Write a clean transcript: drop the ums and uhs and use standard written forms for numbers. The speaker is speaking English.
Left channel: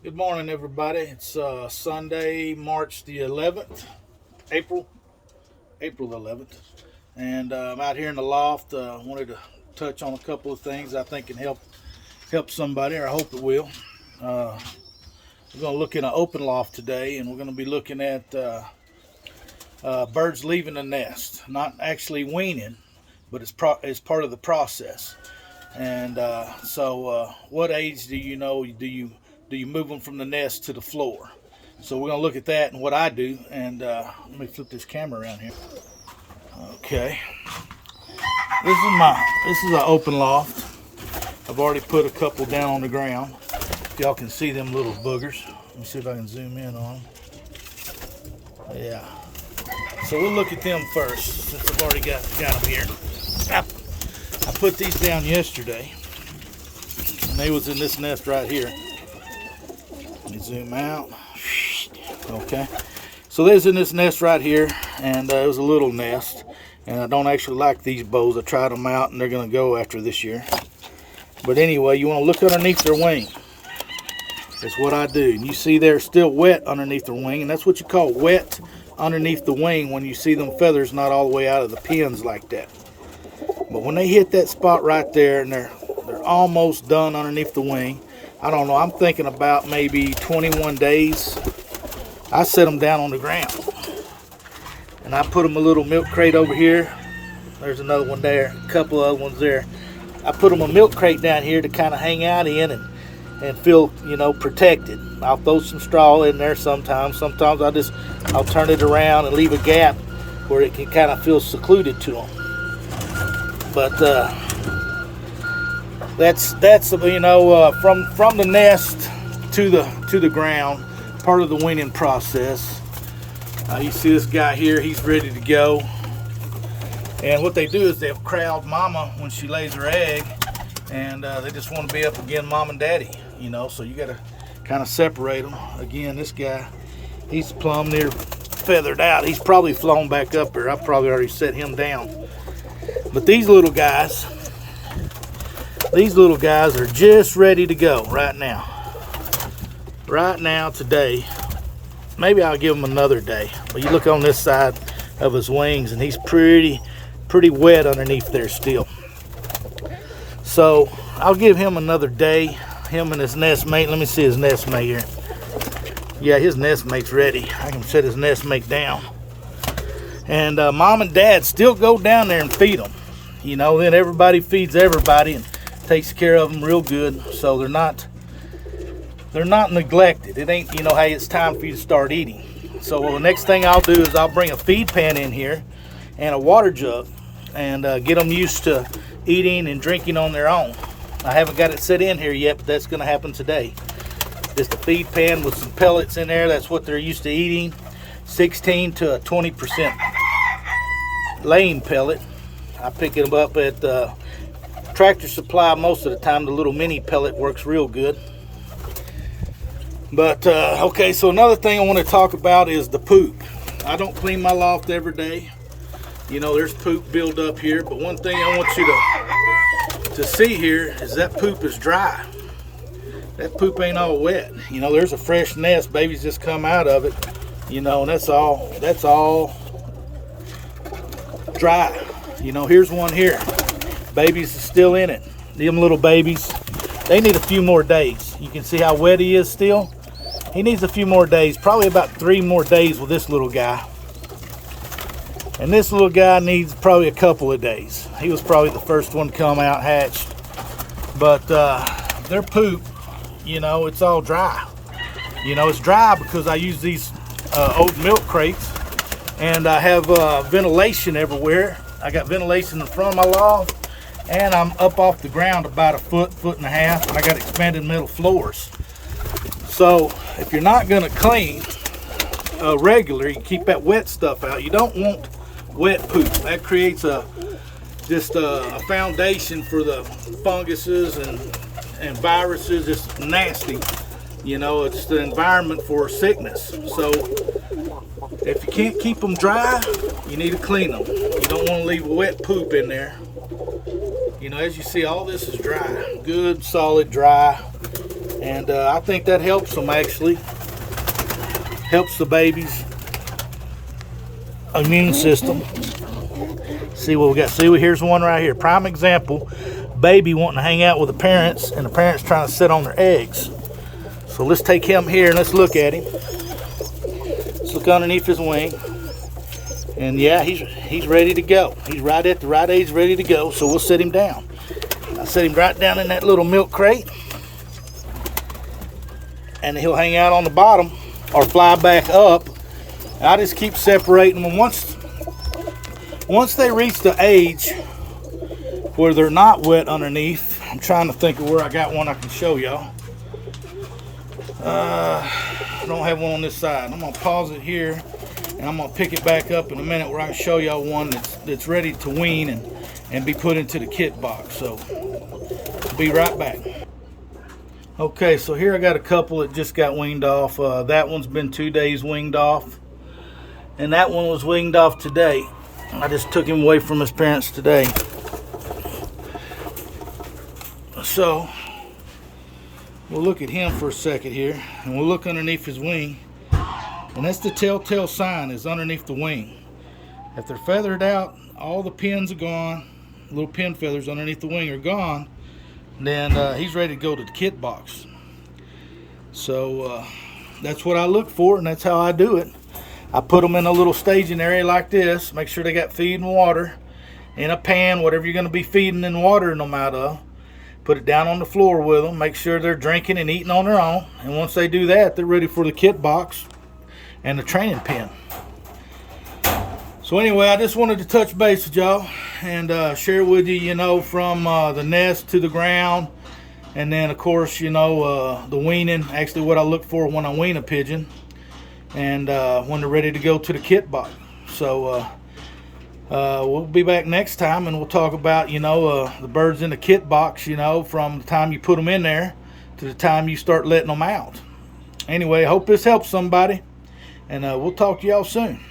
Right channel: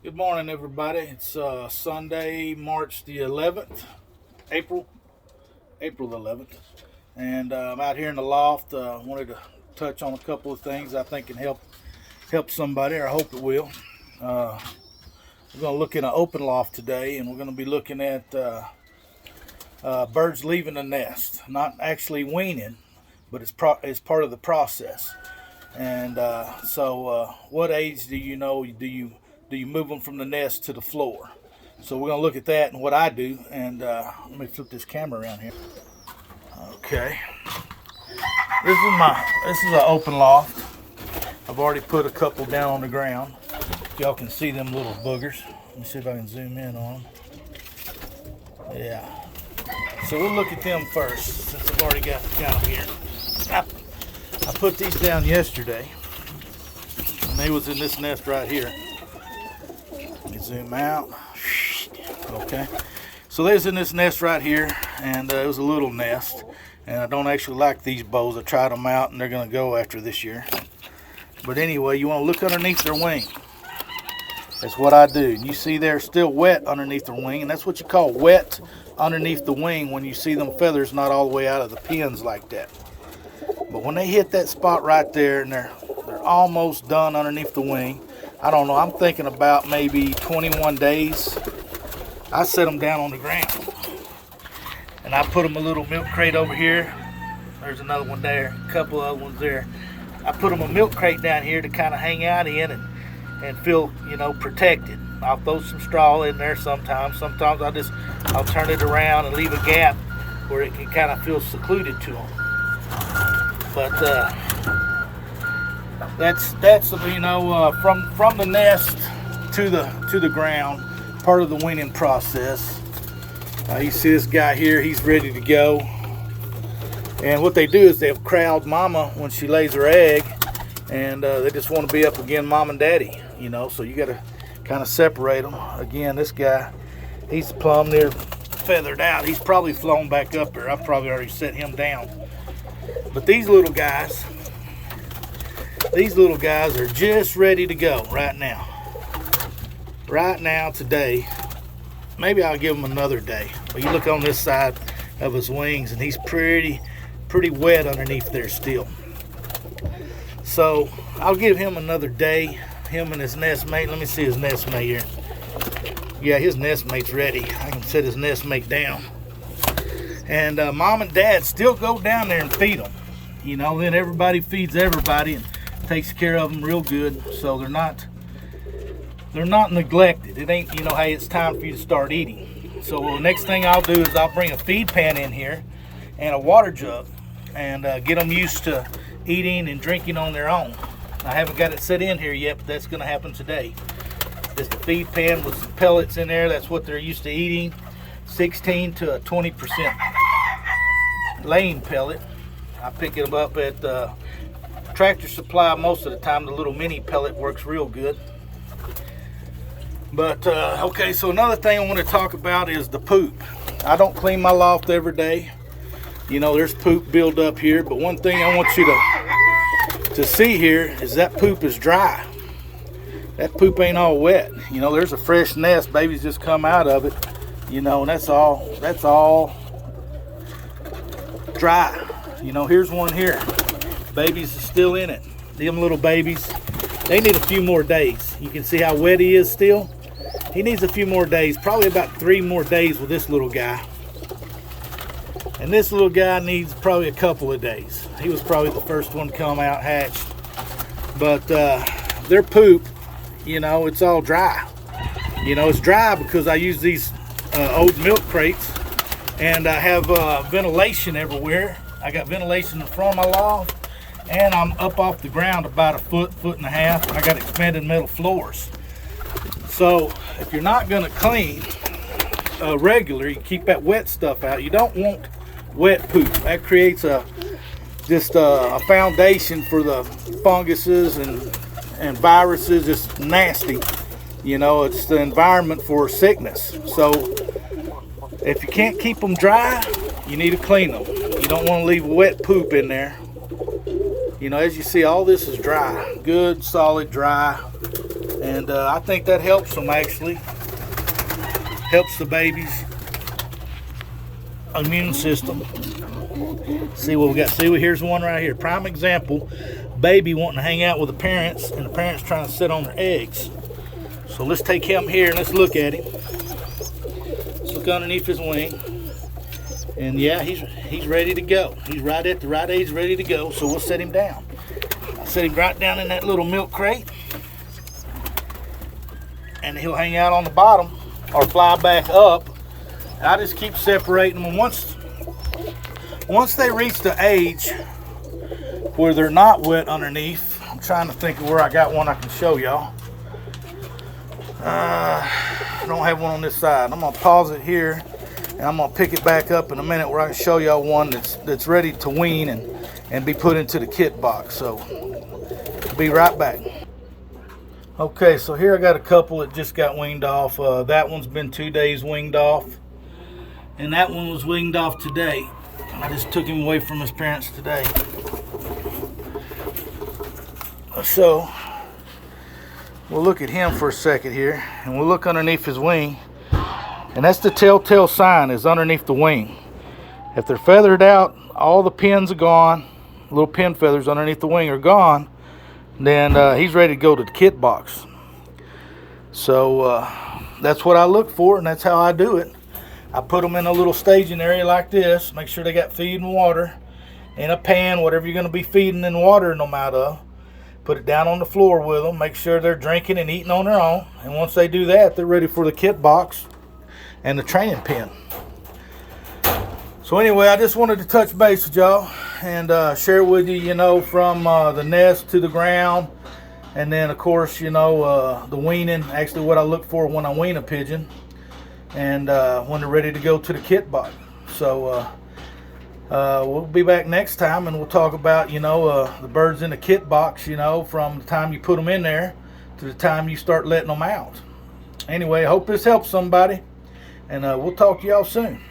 Good morning, everybody. It's Sunday, March the 11th, April the 11th, and I'm out here in the loft. Wanted to touch on a couple of things I think can help somebody, or I hope it will. We're going to look in an open loft today, and we're going to be looking at birds leaving the nest, not actually weaning, but it's part of the process. And so, what age do you move them from the nest to the floor? So we're going to look at that and what I do. And let me flip this camera around here. Okay, this is an open loft. I've already put a couple down on the ground. Y'all can see them little boogers. Let me see if I can zoom in on them. Yeah. So we'll look at them first, since I've already got them here. I put these down yesterday, and they was in this nest right here. Let me zoom out. Okay. So they was in this nest right here, and it was a little nest. And I don't actually like these bows. I tried them out, and they're going to go after this year. But anyway, you want to look underneath their wing. That's what I do. And you see they're still wet underneath their wing, and that's what you call wet underneath the wing when you see them feathers not all the way out of the pins like that. But when they hit that spot right there, and they're almost done underneath the wing, I don't know, I'm thinking about maybe 21 days, I set them down on the ground. And I put them a little milk crate over here. There's another one there, a couple other ones there. I put them a milk crate down here to kind of hang out in and feel, protected. I'll throw some straw in there sometimes. Sometimes I'll turn it around and leave a gap where it can kind of feel secluded to them. But that's from the nest to the ground, part of the weaning process. You see this guy here, he's ready to go. And what they do is they'll crowd mama when she lays her egg, and they just want to be up against mom and daddy, so you got to kind of separate them. Again, this guy, he's plumb near feathered out. He's probably flown back up there. I've probably already set him down. But these little guys are just ready to go right now. Right now, today. Maybe I'll give him another day. But you look on this side of his wings, and he's pretty wet underneath there still. So I'll give him another day. Him and his nestmate. Let me see his nestmate here. Yeah, his nestmate's ready. I can set his nestmate down. And mom and dad still go down there and feed them. Then everybody feeds everybody and takes care of them real good. So they're not neglected. It ain't, hey, it's time for you to start eating. So the next thing I'll do is I'll bring a feed pan in here and a water jug and get them used to eating and drinking on their own. I haven't got it set in here yet, but that's going to happen today. Just a feed pan with some pellets in there. That's what they're used to eating. 16 to 20% laying pellet. I pick them up at Tractor Supply most of the time. The little mini pellet works real good. But okay, so another thing I want to talk about is the poop. I don't clean my loft every day. There's poop build up here, but one thing I want you to see here is that poop is dry. That poop ain't all wet. There's a fresh nest, babies just come out of it, and that's all dry. Here's one here. Babies are still in it. Them little babies, they need a few more days. You can see how wet he is still. He needs a few more days, probably about 3 more days with this little guy. And this little guy needs probably a couple of days. He was probably the first one to come out hatched. But their poop, it's all dry. It's dry because I use these old milk crates, and I have ventilation everywhere. I got ventilation in front of my loft, and I'm up off the ground about a foot and a half, and I got expanded metal floors. So if you're not going to clean regular, you keep that wet stuff out. You don't want wet poop. That creates a foundation for the funguses and viruses. It's nasty. It's the environment for sickness. So if you can't keep them dry, you need to clean them. You don't want to leave wet poop in there. As you see, all this is dry. Good, solid, dry. And I think that helps them, actually. Helps the baby's immune system. See what we got? See, here's one right here. Prime example. Baby wanting to hang out with the parents, and the parents trying to sit on their eggs. So let's take him here and let's look at him. Let's look underneath his wing. And yeah, he's ready to go. He's right at the right age, ready to go. So we'll set him down. I'll set him right down in that little milk crate. And he'll hang out on the bottom or fly back up. I just keep separating them. Once they reach the age where they're not wet underneath, I'm trying to think of where I got one I can show y'all. I don't have one on this side. I'm gonna pause it here, and I'm gonna pick it back up in a minute where I can show y'all one that's ready to wean and be put into the kit box. So be right back. Okay, so here I got a couple that just got weaned off. That one's been 2 days weaned off, and that one was weaned off today. I just took him away from his parents today. So we'll look at him for a second here, and we'll look underneath his wing, and that's the telltale sign, is underneath the wing. If they're feathered out, all the pins are gone, little pin feathers underneath the wing are gone, then he's ready to go to the kit box. So that's what I look for, and that's how I do it. I put them in a little staging area like this, make sure they got feed and water in a pan, whatever you're going to be feeding and watering them out of. Put it down on the floor with them, make sure they're drinking and eating on their own, and once they do that, they're ready for the kit box and the training pen. So anyway, I just wanted to touch base with y'all and share with you, you know, from the nest to the ground, and then of course, you know, the weaning, actually what I look for when I wean a pigeon, and when they're ready to go to the kit box. So we'll be back next time, and we'll talk about, you know, the birds in the kit box, you know, from the time you put them in there to the time you start letting them out. Anyway, I hope this helps somebody, and we'll talk to y'all soon.